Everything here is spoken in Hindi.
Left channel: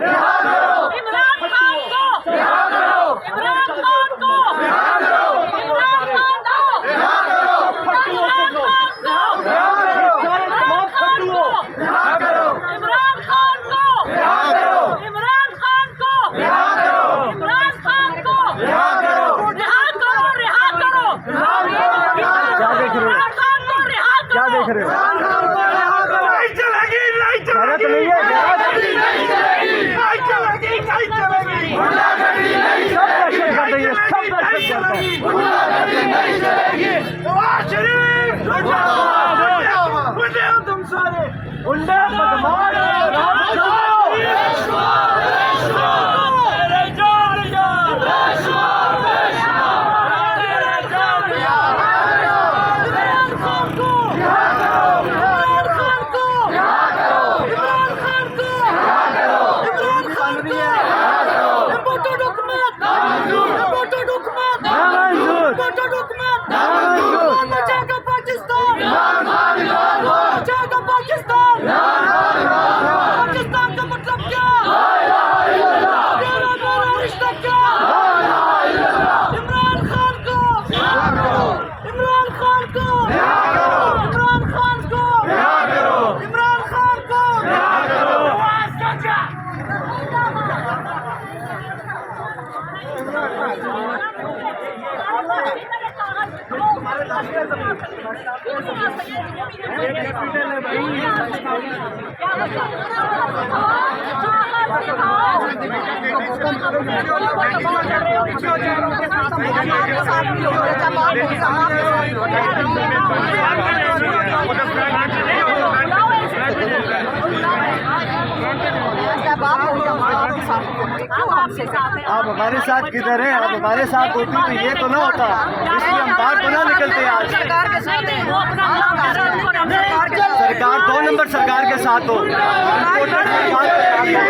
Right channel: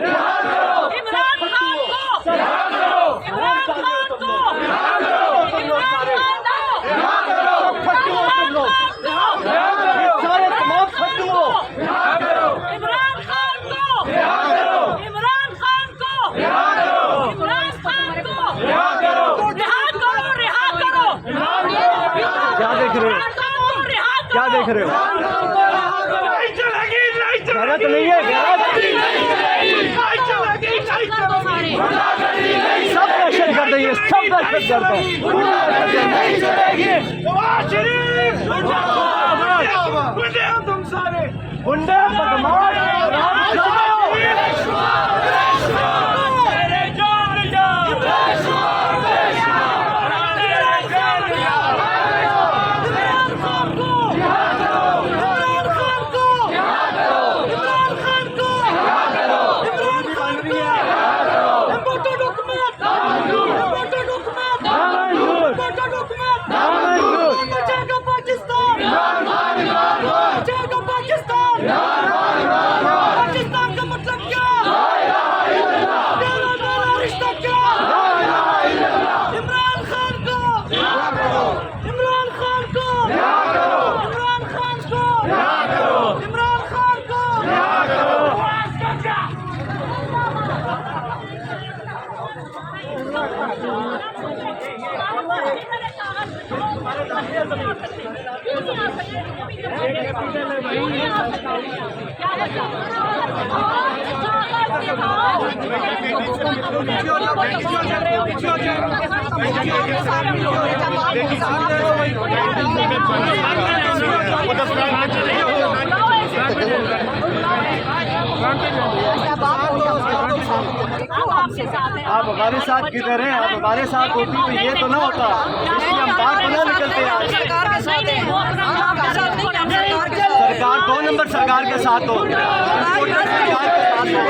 इमरान खान को इमरान खान को इमरान खान को इमरान खान को इमरान खान को इमरान खान को रिहा करो रिहा करो। क्या देख रहे हो? क्या देख रहे हो? नहीं चलेगी, नहीं गलत चलेगी, नहीं है, नहीं चलेगी, नहीं चलेगी, नहीं चलेगी, सब क्वेश्चन कर देंगे, सब क्वेश्चन करते हैं। नहीं चलेगी। नवाज शरीफ जिंदाबाद, गुंडे हो तुम सारे, गुंडे बदमाश तेरे जान जा, तेरे जान जा। पाकिस्तान का मतलब क्या? मेरा रिश्ता क्या? इमरान खान को इमरान खान को इमरान खान को इमरान खान को आप हमारे साथ किधर हैं? आप हमारे साथ होती तो ये तो ना होता, इसलिए हम बाहर तो ना निकलते यार। सरकार 2 नंबर सरकार के साथ हो, सरकार के साथ हो।